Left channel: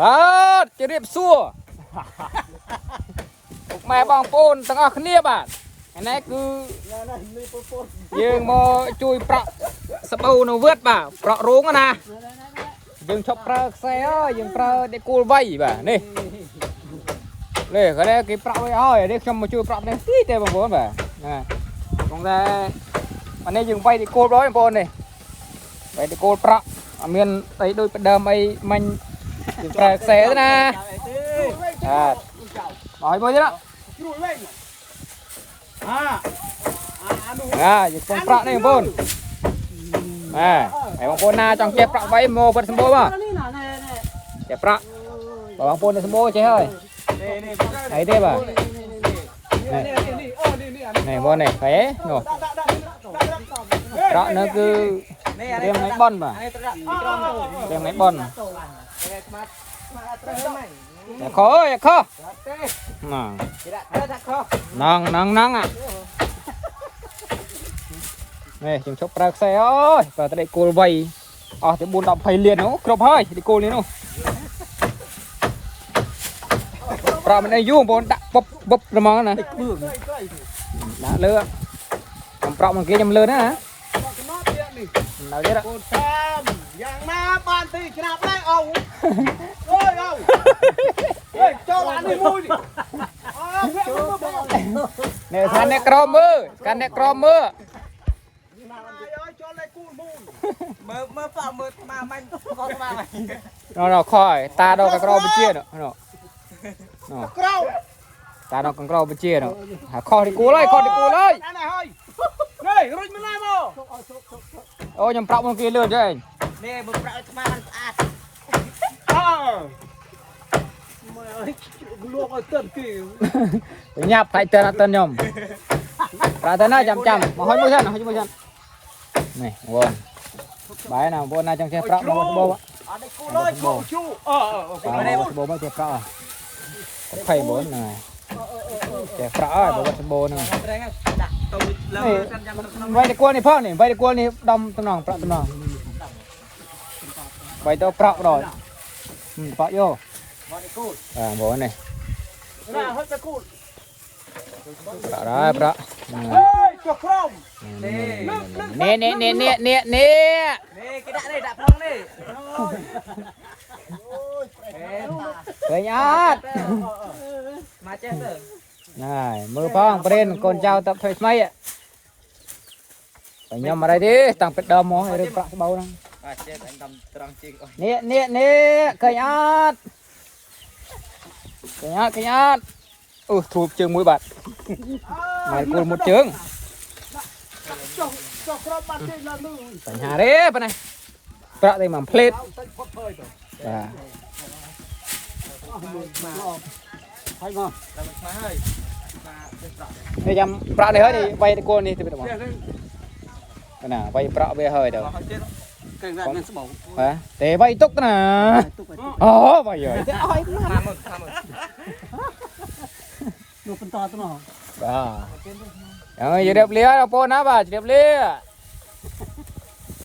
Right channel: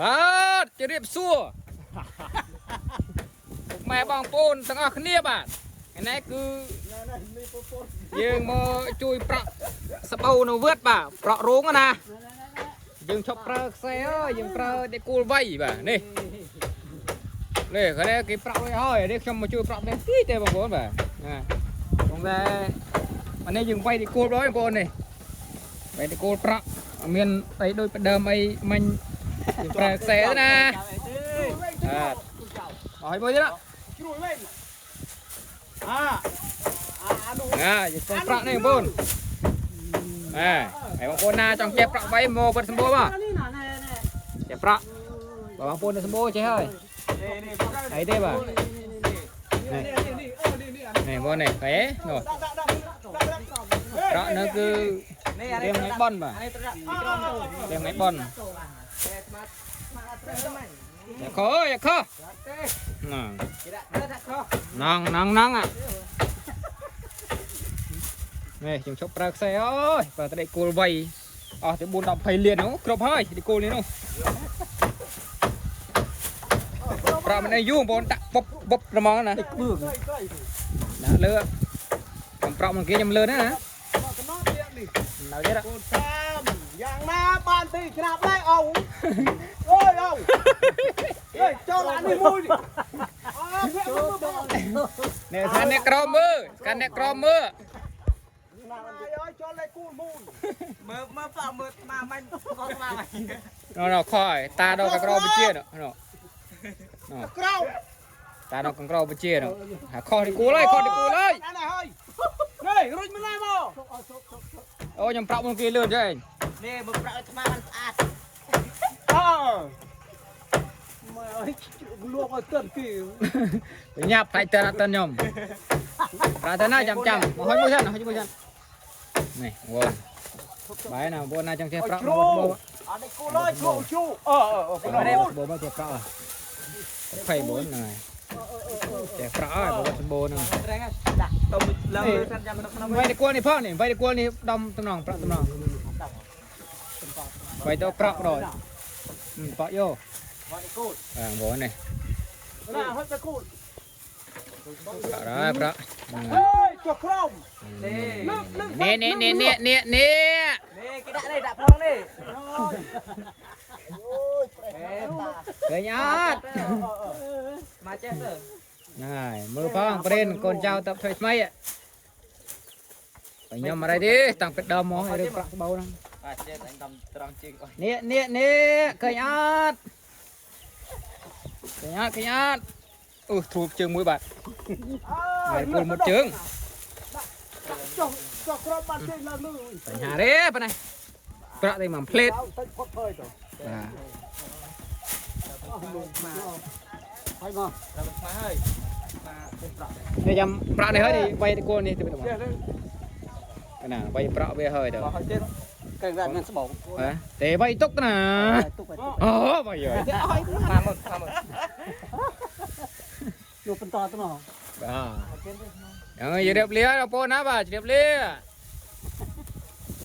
បាទជម្រាបសួរពុកម៉ែបងប្អូនទាំងអស់គ្នាបាទថ្ងៃនេះគឺយើងមកជួយប្រក់សបូនៅវត្តបាទប្រក់រោងណាយើងឈប់ប្រើខ្សែអើយយើងប្រើដេកគូលវៃបាទនេះនេះគាត់គេប្រក់ឲ្យហើយនេះខ្ញុំមកជួយប្រក់នេះទីទេបងប្អូនបាទណាក្នុងតែអានេះយើងវៃដេកគូលដល់បងប្អូននេះវៃដេកគូលប្រក់អត់មានអីដូចផ្ដើមអីមិញយើងប្រើខ្សែទេណាបាទឲ្យមួយទៀតយើងកុំប្រាក់នេះបងប្អូនបងប្អូនណាចង់ចេះប្រាក់ໄວមកគាត់សម្បូរបាទចេះប្រាក់បងប្អូនសម្បូរចេះហើយអីទេបាទនេះបងនេះហេនោះប្រាក់នោះគឺរៀងថ្ងៃបន់បាទរៀងថ្ងៃបន់ខអើយខណងនេះខ្ញុំឈប់ប្រើខ្សែអើយប្រើតែដេកគោលវៃអស់ទៅ4 10 20លាននោះគ្រប់ហើយដេកគោលនេះនោះប្រើមិនអីយូរបងប្អូនដាក់បុបហ្មងណាដាក់លើខ្ញុំប្រក់មកគេខ្ញុំលើណានៅទៀតកូនតាមយ៉ាងណាបានទីច្រាប់ដែរអូអូយអូចូលអានេះមួយនេះថាអ្នកក្រមើលកាន់អ្នកក្រមើលចូលលេខគូមូនមើលប៉មើលមកមិនខកស្មាណខយតាដកក្របជានោះក្រតាដកក្របជានោះខទីគូលហើយខទីគូលហើយនេះរុញមិនណាមកអូខ្ញុំប្រាប់មកគេលឿនទេនេះបើប្រាប់ឲ្យស្មាស្អាតមើលលក់ឲ្យទិនគេញ៉ាប់ហើយទិនអត់ទិនខ្ញុំប្រាទៅណាចាំមកហុយមួយសិននេះបងបាយណាបងណាចង់ចេះប្រាក់មកបោអត់គូលើឈូឈូបោមកចេះប្រាក់24ហ្នឹងចេះប្រាក់ហើយបងបោហ្នឹងនេះវាយតកួលនេះផងនេះវាយតកួលនេះដំតំណងប្រាក់តំណងវាយទៅប្រាក់ដល់ប្រាក់យកបងនេះណាហុចតកូលប្រាក់ប្រាក់ចុះក្រុមនេះគេដាក់នេះដាក់ផងនេះឃើញអត់មកចេះទៅណាមើលផងប្រេនកូនចៅតបថ្មីថ្មីបើខ្ញុំអីទេតាំងពីដើមមករឿងប្រាក់ស្បូវហ្នឹងបាទចេះតែតំត្រង់ជីកនេះឃើញអត់អូធូបជើងមួយបាទមកគូលមុតជើងចុះក្រោមបាត់ជើងឡើងលើបញ្ហាទេប៉ុណ្ណេះប្រាក់តែមួយផ្លេតបាទហើយមកនេះចាំប្រាក់នេះហើយវាយតកូលនេះទៅបងណាវាយប្រាក់វាហើយទៅតែវាយទុកណាអូវាយហើយយកបន្តទៅមកបាទហើយជម្រាបលាបងប្អូនណាបាទជម្រាបលា